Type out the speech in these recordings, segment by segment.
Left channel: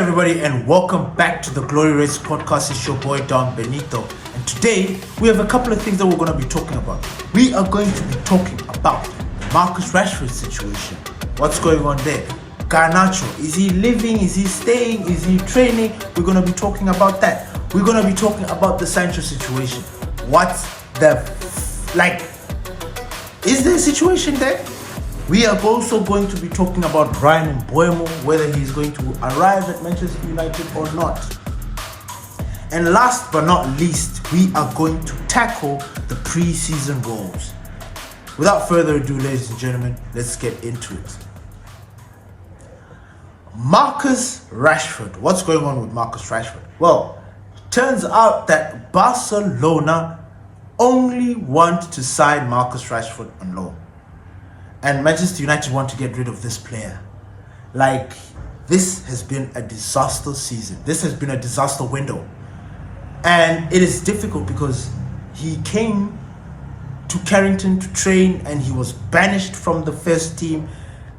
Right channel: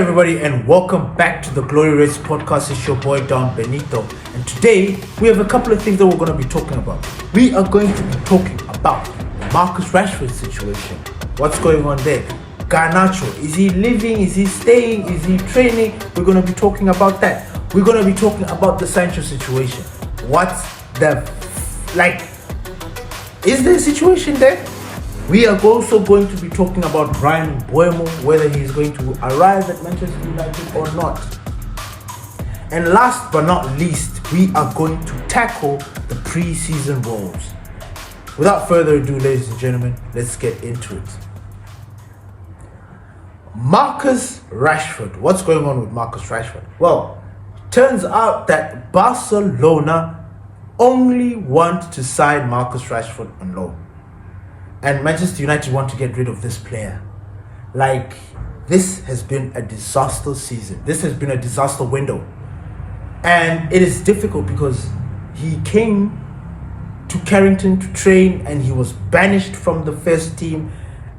everybody, and welcome back to the Glory Race podcast. It's your boy Don Benito, and today we have a couple of things that we're going to be talking about. We are going to be talking about the Marcus Rashford situation. What's going on there? Garnacho, is he living? Is he staying? Is he training? We're going to be talking about that. We're going to be talking about the Sancho situation. What's is there a situation there? We are also going to be talking about Bryan Mbuemo, whether he's going to arrive at Manchester United or not. And last but not least, we are going to tackle the pre-season woes. Without further ado, ladies and gentlemen, let's get into it. Marcus Rashford. What's going on with Marcus Rashford? Well, turns out that Barcelona only want to sign Marcus Rashford on loan. And Manchester United want to get rid of this player. This has been a disaster season. This has been a disaster window. And it is difficult because he came to Carrington to train and he was banished from the first team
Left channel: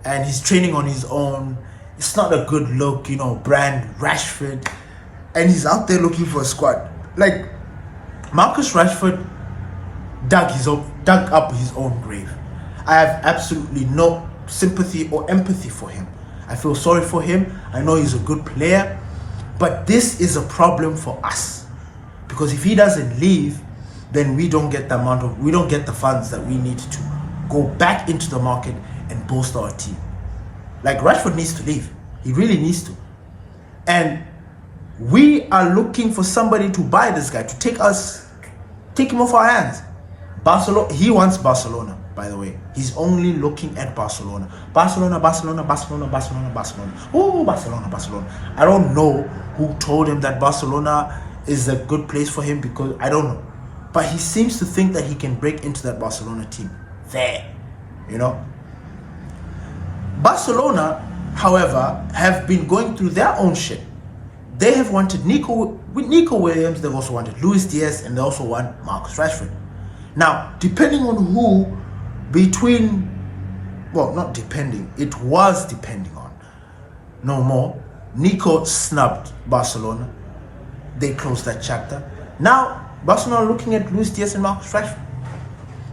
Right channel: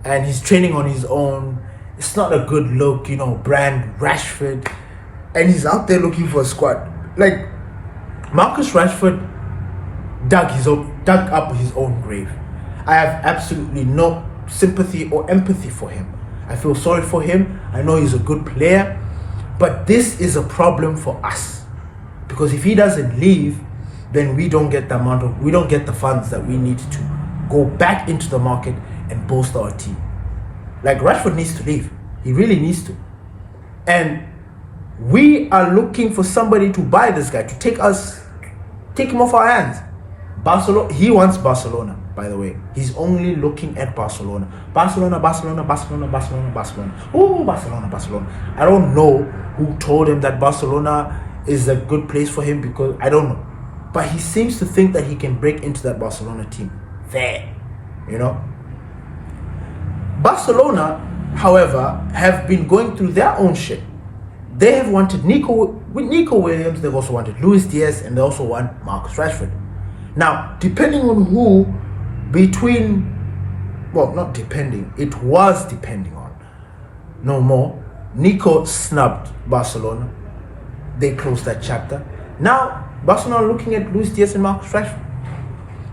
and he's training on his own. It's not a good look, Bryan Rashford. And he's out there looking for a squad. Marcus Rashford dug up his own grave. I have absolutely no sympathy or empathy for him. I feel sorry for him. I know he's a good player, but this is a problem for us because if he doesn't leave, then we don't get the funds that we need to go back into the market and bolster our team. Rashford needs to leave. He really needs to. And we are looking for somebody to buy this guy, to take him off our hands. He wants Barcelona, by the way. He's only looking at Barcelona. Barcelona. Oh, Barcelona. I don't know who told him that Barcelona is a good place for him because I don't know. But he seems to think that he can break into that Barcelona team. Barcelona, however, have been going through their own shit. They have wanted Nico Williams, they've also wanted Luis Diaz, and they also want Marcus Rashford. Now, depending on who, it was depending on. No more. Nico snubbed Barcelona. They closed that chapter. Now, Barcelona are looking at Luis Diaz and Marcus Rashford.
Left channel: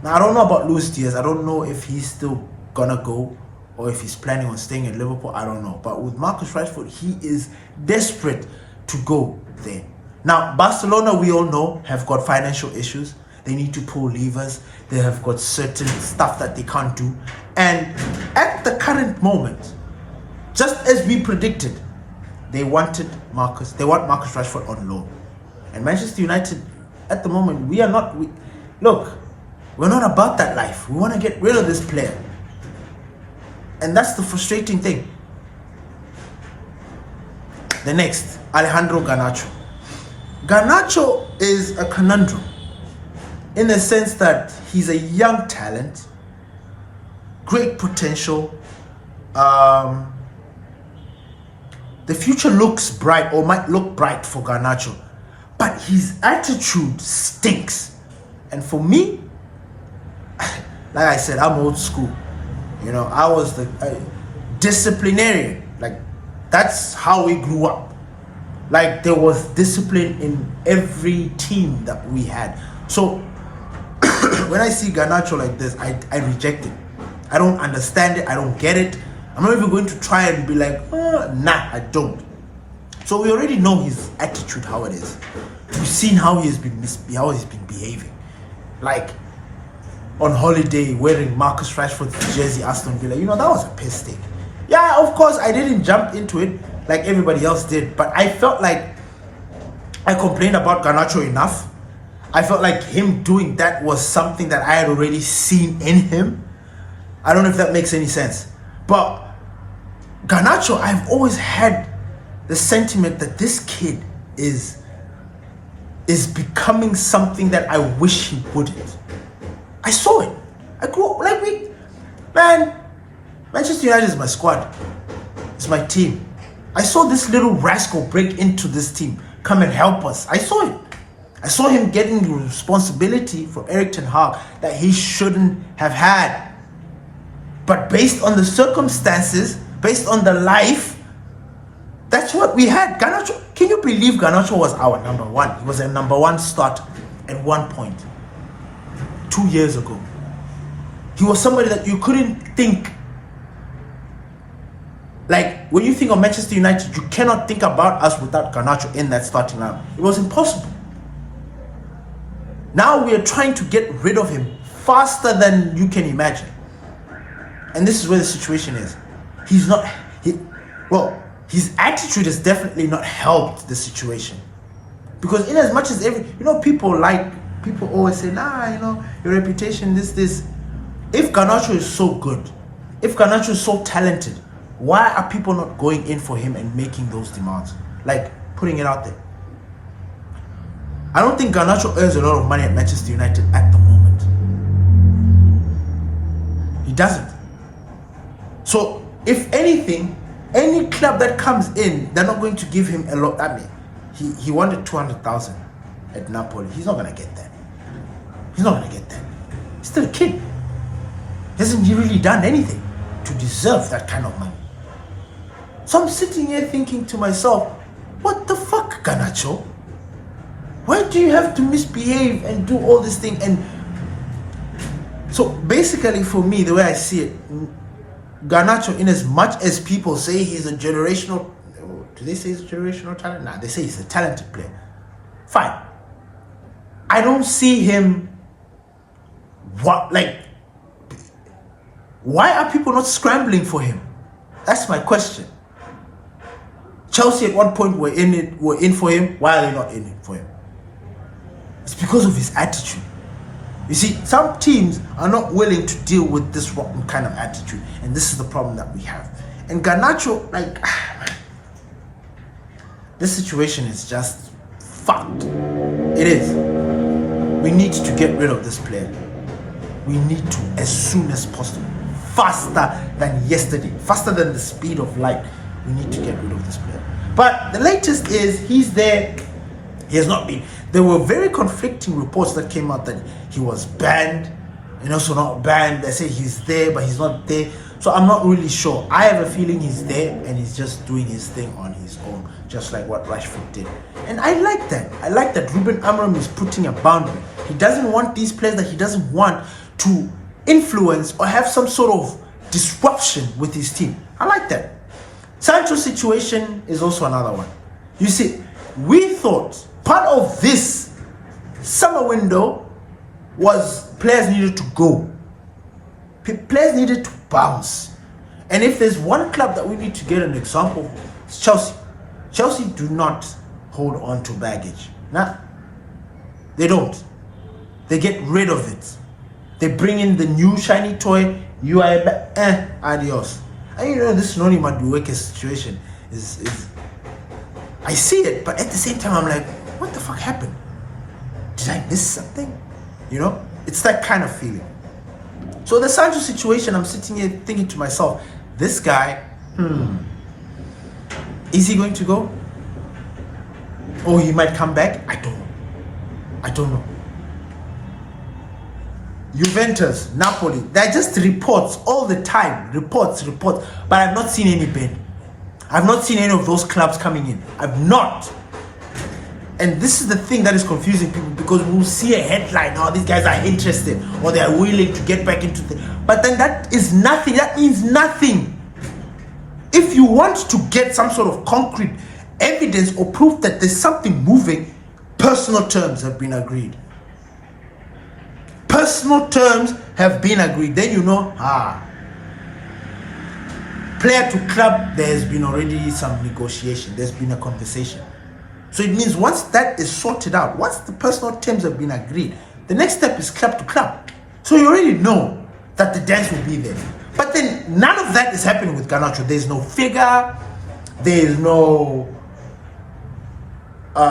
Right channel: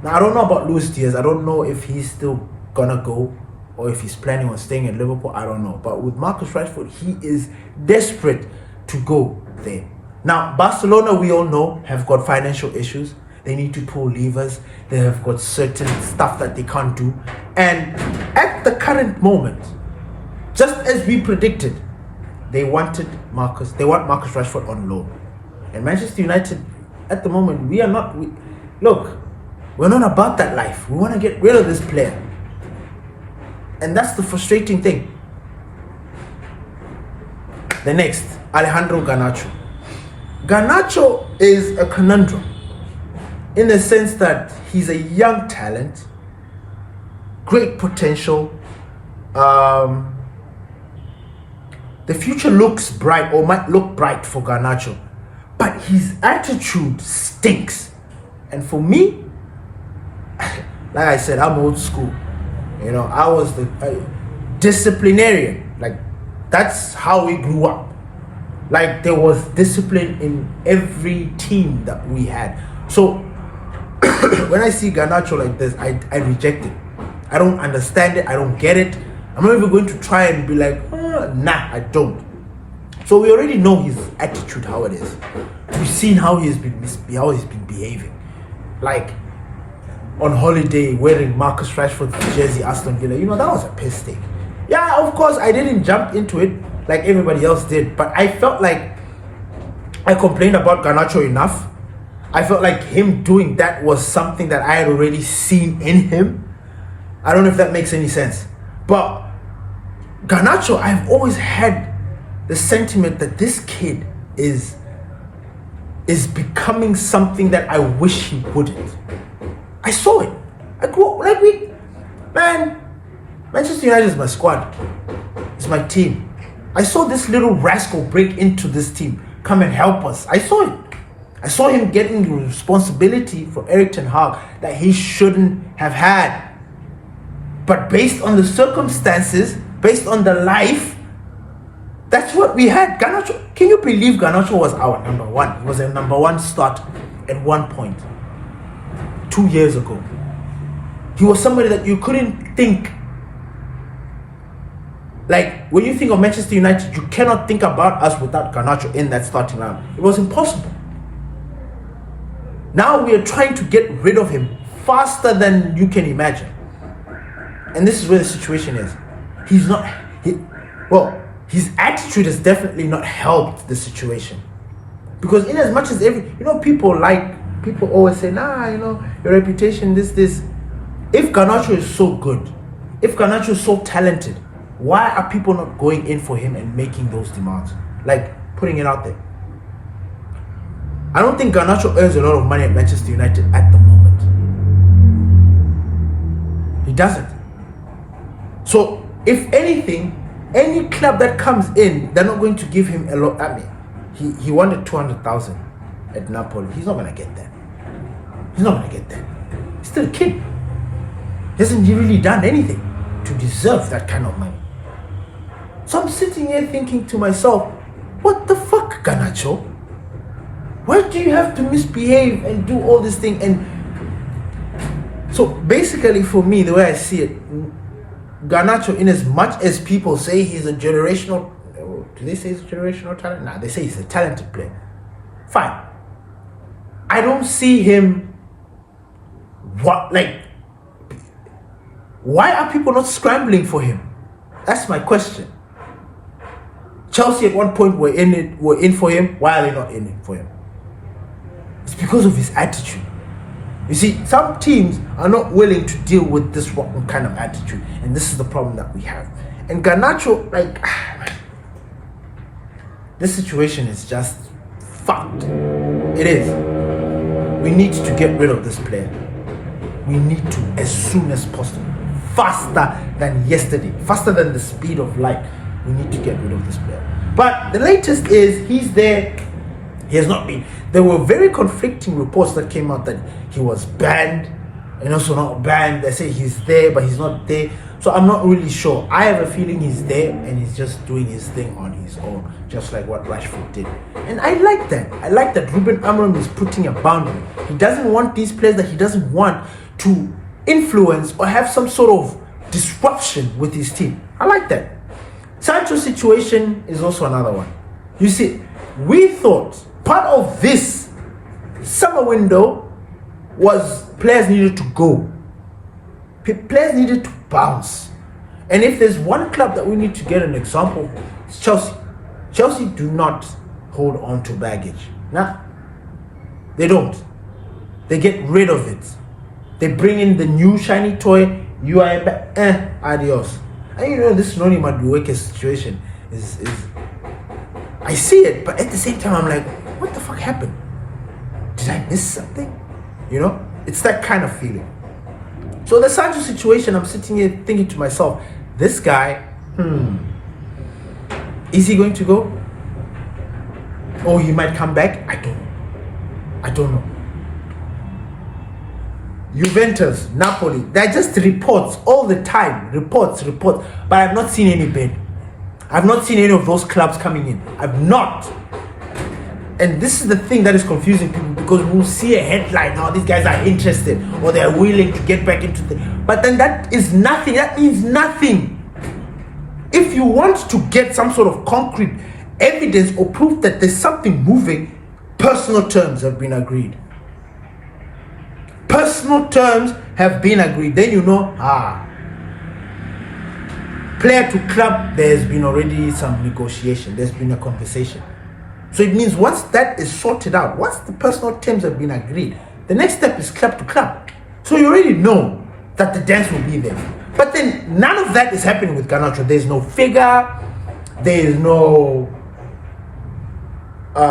Now, I don't know about Luis Diaz. I don't know if he's still gonna go or if he's planning on staying at Liverpool. I don't know. But with Marcus Rashford, he is desperate to go there. Now, Barcelona, we all know, have got financial issues. They need to pull levers. They have got certain stuff that they can't do. And at the current moment, just as we predicted, they want Marcus Rashford on loan. And Manchester United, at the moment, we're not about that life. We want to get rid of this player. And that's the frustrating thing. The next, Alejandro Garnacho. Garnacho is a conundrum, in the sense that he's a young talent, great potential. The future looks bright or might look bright for Garnacho, but his attitude stinks. And for me, like I said, I'm old school. I was the disciplinarian. That's how we grew up. There was discipline in every team that we had. So when I see Garnacho like this, I reject it. I don't understand it. I don't get it. I'm not even going to try and be nah, I don't. So we already know his attitude, how it is. We've seen how he's been behaving. On holiday, wearing Marcus Rashford's jersey, Aston Villa. That was a piss take. Yeah, of course, I didn't jump into it like everybody else did, but I felt like I complained about Garnacho enough. I felt like him doing that was something that I had already seen in him. I don't know if that makes any sense. But Garnacho, I've always had the sentiment that this kid is becoming something that I wish he wouldn't. I saw it. I grew up, Manchester United is my squad. It's my team. I saw this little rascal break into this team, come and help us. I saw it. I saw him getting the responsibility from Erik ten Hag that he shouldn't have had. But based on the circumstances, based on the life, That's what we had. Garnacho, can you believe Garnacho was our number one? He was a number one start at one point 2 years ago. He was somebody that you couldn't think. Like, when you think of Manchester United, you cannot think about us without Garnacho in that starting lineup. It was impossible. Now we are trying to get rid of him faster than you can imagine. And this is where the situation is. His attitude has definitely not helped the situation. Because in as much as people always say, your reputation, this. If Garnacho is so good, if Garnacho is so talented, why are people not going in for him and making those demands? Like, putting it out there. I don't think Garnacho earns a lot of money at Manchester United at the moment. He doesn't. So, if anything, any club that comes in, they're not going to give him a lot. I mean, he wanted 200,000 at Napoli. He's not going to get that. He's still a kid. Hasn't he really done anything to deserve that kind of money? So I'm sitting here thinking to myself, what the fuck, Garnacho? Why do you have to misbehave and do all this thing? And so basically for me, the way I see it, Garnacho, in as much as people say he's a generational, do they say he's a generational talent? Nah, they say he's a talented player. Fine. I don't see him, why are people not scrambling for him? That's my question. Chelsea at one point were in for him. Why are they not in for him? It's because of his attitude. You see, some teams are not willing to deal with this kind of attitude, and this is the problem that we have. And Garnacho, this situation is just fucked. It is. We need to get rid of this player. We need to, as soon as possible, faster than yesterday, faster than the speed of light. We need to get rid of this player. But the latest is he's there. He has not been. There were very conflicting reports that came out that he was banned and also not banned. They say he's there, but he's not there. So I'm not really sure. I have a feeling he's there and he's just doing his thing on his own, just like what Rashford did. And I like that. I like that Ruben Amorim is putting a boundary. He doesn't want these players that he doesn't want to influence or have some sort of disruption with his team. I like that. Sancho's situation is also another one. You see, we thought part of this summer window was players needed to go. Players needed to bounce. And if there's one club that we need to get an example for, it's Chelsea. Chelsea do not hold on to baggage. Nah, they don't. They get rid of it. They bring in the new shiny toy. You are adios. And this Noni Madueke's situation is I see it, but at the same time I'm like, what the fuck happened? Did I miss something? It's that kind of feeling. So the Sancho situation, I'm sitting here thinking to myself, this guy, is he going to go? Or he might come back? I don't know. Juventus, Napoli, they're just reports all the time. Reports. But I've not seen any bid. I've not seen any of those clubs coming in. I've not. And this is the thing that is confusing people, because we'll see a headline, these guys are interested or they're willing to get back into the... But then that is nothing. That means nothing. If you want to get some sort of concrete evidence or proof that there's something moving, personal terms have been agreed. Personal terms have been agreed. Then player to club, there's been already some negotiation. There's been a conversation. So it means once that is sorted out, once the personal terms have been agreed, the next step is club to club. So you already know that the dance will be there. But then none of that is happening with Garnacho. There's no figure. There is no... there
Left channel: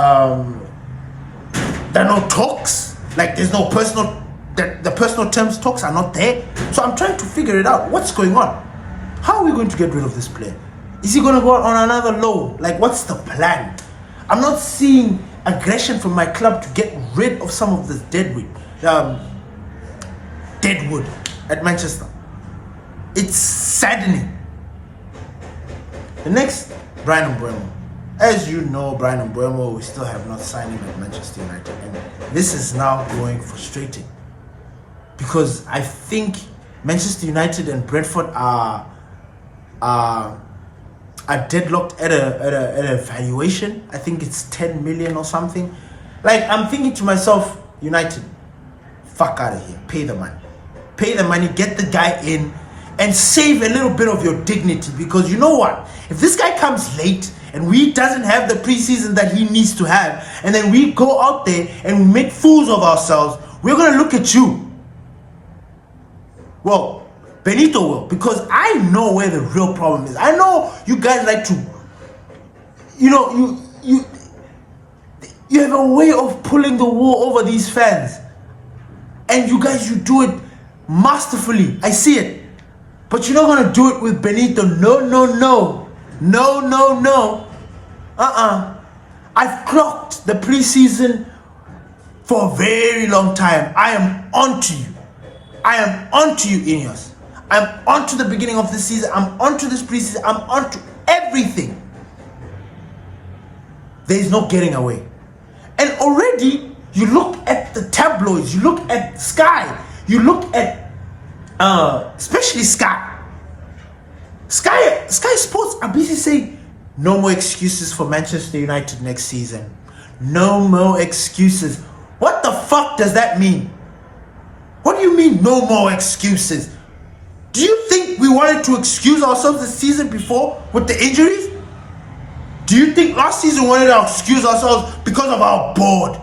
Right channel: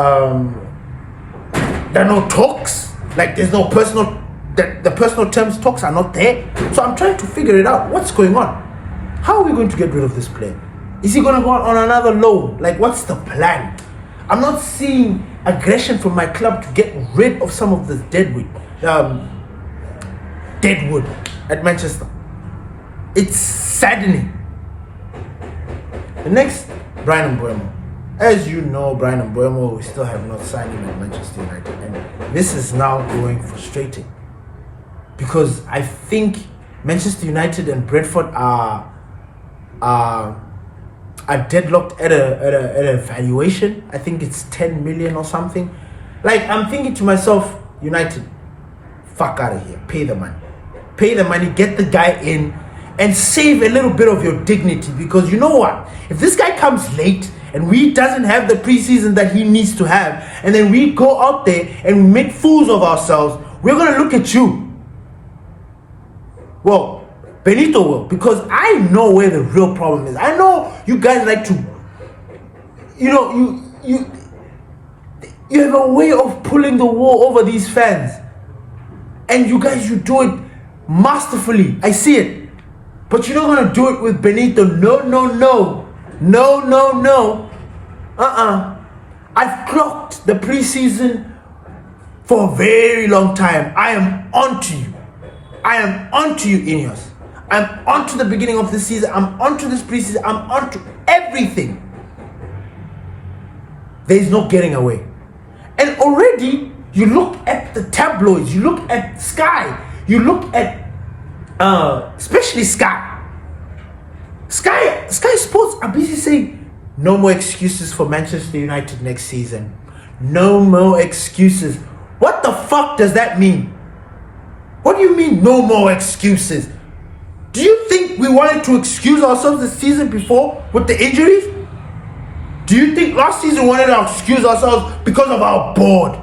are no talks. There's no personal... The personal terms talks are not there. So I'm trying to figure it out. What's going on? How are we going to get rid of this player? Is he going to go on another loan? What's the plan? I'm not seeing aggression from my club to get rid of some of this deadwood at Manchester. It's saddening. The next Bryan Mbuemo. As you know, Bryan Mbuemo, we still have not signed him at Manchester United, and this is now growing frustrating because I think Manchester United and Brentford are deadlocked at a valuation. I think it's 10 million or something. Like, I'm thinking to myself, United, fuck out of here, pay the money, get the guy in, and save a little bit of your dignity, because you know what? If this guy comes late and we doesn't have the preseason that he needs to have, and then we go out there and make fools of ourselves, we're going to look at you. Well, Benito will, because I know where the real problem is. I know you guys like to, you have a way of pulling the wool over these fans. And you guys, you do it masterfully. I see it. But you're not going to do it with Benito. No. I've clocked the preseason for a very long time. I am onto you. Ineos. I'm onto the beginning of the season. I'm onto this preseason. I'm onto everything. There is no getting away. And already, you look at the tabloids, you look at Sky, you look at, especially Sky. Sky Sports are busy saying, no more excuses for Manchester United next season. No more excuses. What the fuck does that mean? What do you mean, no more excuses? Do you think we wanted to excuse ourselves the season before with the injuries? Do you think last season we wanted to excuse ourselves because of our board?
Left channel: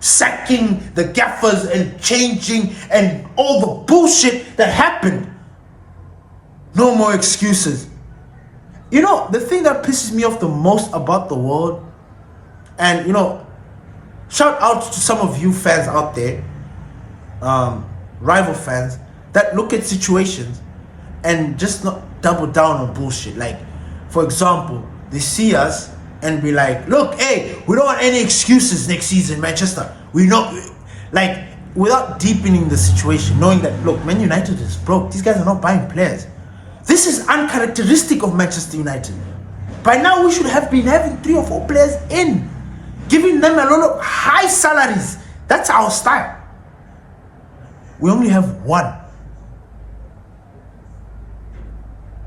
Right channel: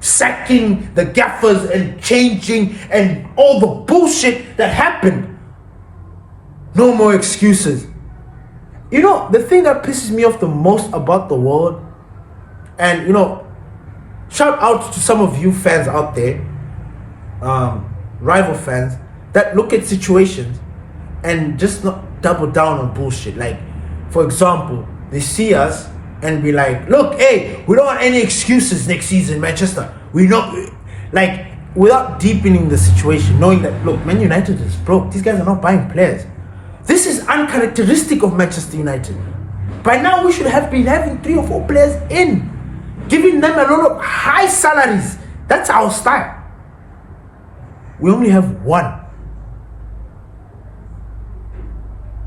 Sacking the gaffers and changing and all the bullshit that happened. No more excuses. You know, the thing that pisses me off the most about the world, and shout out to some of you fans out there, rival fans, that look at situations and just not double down on bullshit. Like, for example, they see us and be like, look, hey, we don't want any excuses next season, Manchester. We not, like, without deepening the situation, knowing that, look, Man United is broke. These guys are not buying players. This is uncharacteristic of Manchester United. By now, we should have been having 3 or 4 players in, giving them a lot of high salaries. That's our style. We only have 1.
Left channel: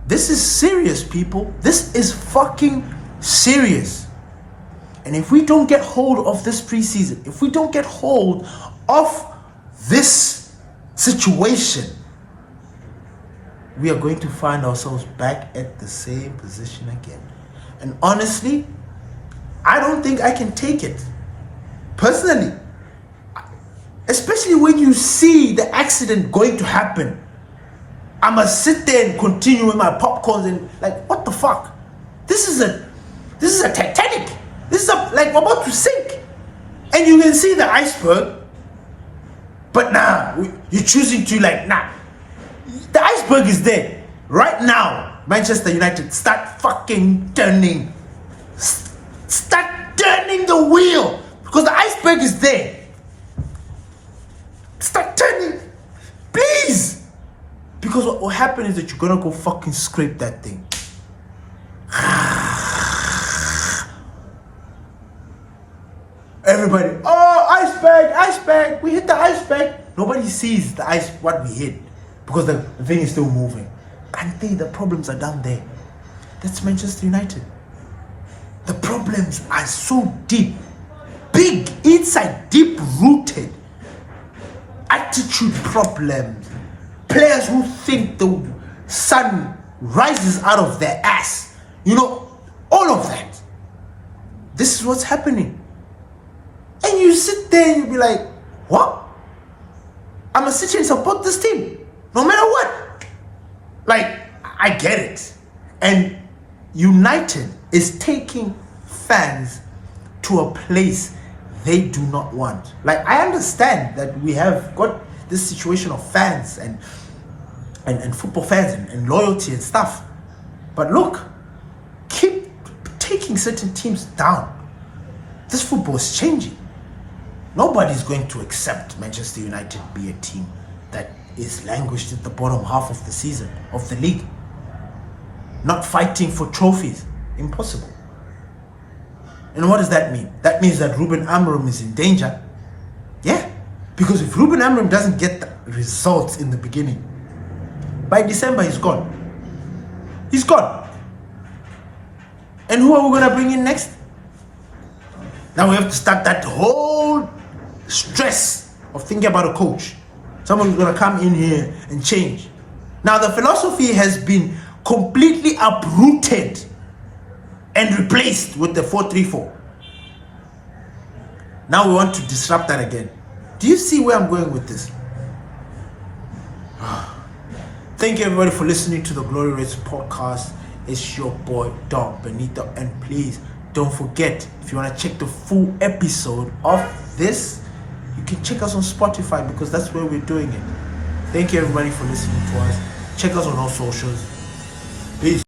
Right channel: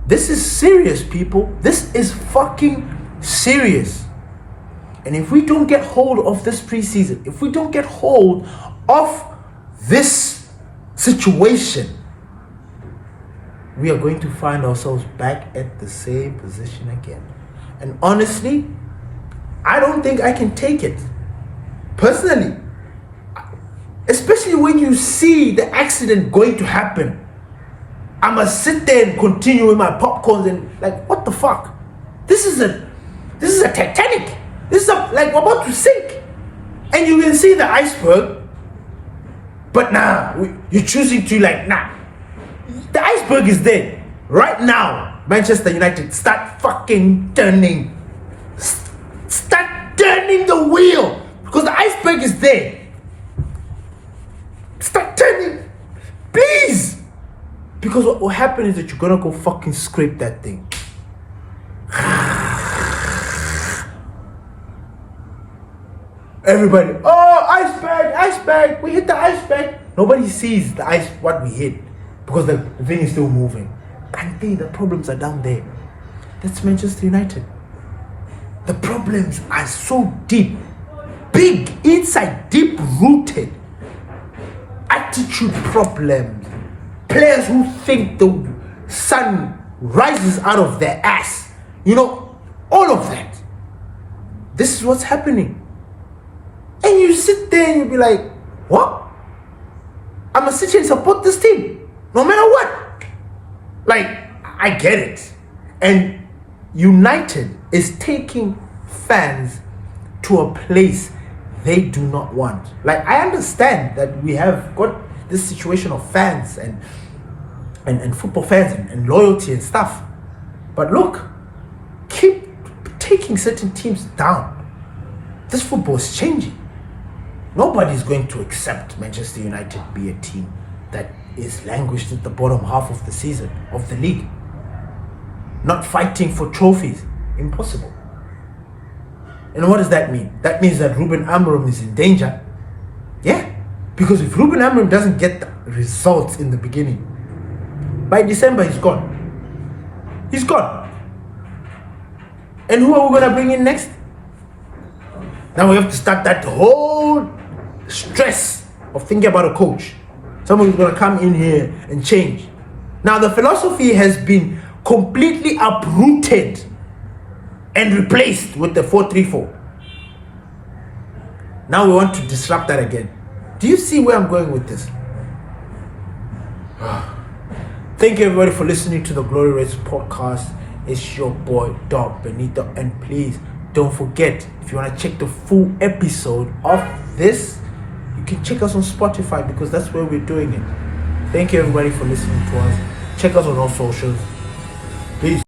This is serious, people. This is fucking serious. And if we don't get hold of this preseason, if we don't get hold of this situation, we are going to find ourselves back at the same position again. And honestly, I don't think I can take it. Personally. Especially when you see the accident going to happen. I must sit there and continue with my popcorns and like, what the fuck? This is a Titanic. This is like we're about to sink. And you can see the iceberg. But you're choosing to the iceberg is there. Right now, Manchester United, start fucking turning. Start turning the wheel. Because the iceberg is there. Start turning. Please. Because what will happen is that you're going to go fucking scrape that thing. Everybody, iceberg, we hit the iceberg. Nobody sees what we hit because the thing is still moving. And the problems are down there. That's Manchester United. The problems are so deep, big, inside, deep rooted. Attitude problems. Players who think the sun rises out of their ass. All of that. This is what's happening. And you sit there and you be like, what? I'm going to sit here and support this team. No matter what. Like, I get it. And United is taking fans to a place they do not want. Like, I understand that we have got this situation of fans and football fans and loyalty and stuff. But look, keep taking certain teams down. This football is changing. Nobody's going to accept Manchester United be a team that is languished at the bottom half of the season, of the league. Not fighting for trophies. Impossible. And what does that mean? That means that Ruben Amorim is in danger. Yeah. Because if Ruben Amorim doesn't get the results in the beginning, by December he's gone. He's gone. And who are we going to bring in next? Now we have to start that whole stress of thinking about a coach. Someone who's going to come in here and change. Now the philosophy has been completely uprooted and replaced with the 4-3-4. Now we want to disrupt that again. Do you see where I'm going with this? Thank you everybody for listening to the Glory Race podcast. It's your boy Dog Benito, and please don't forget, if you want to check the full episode of this, you can check us on Spotify because that's where we're doing it. Thank you everybody for listening to us. Check us on all socials. Peace.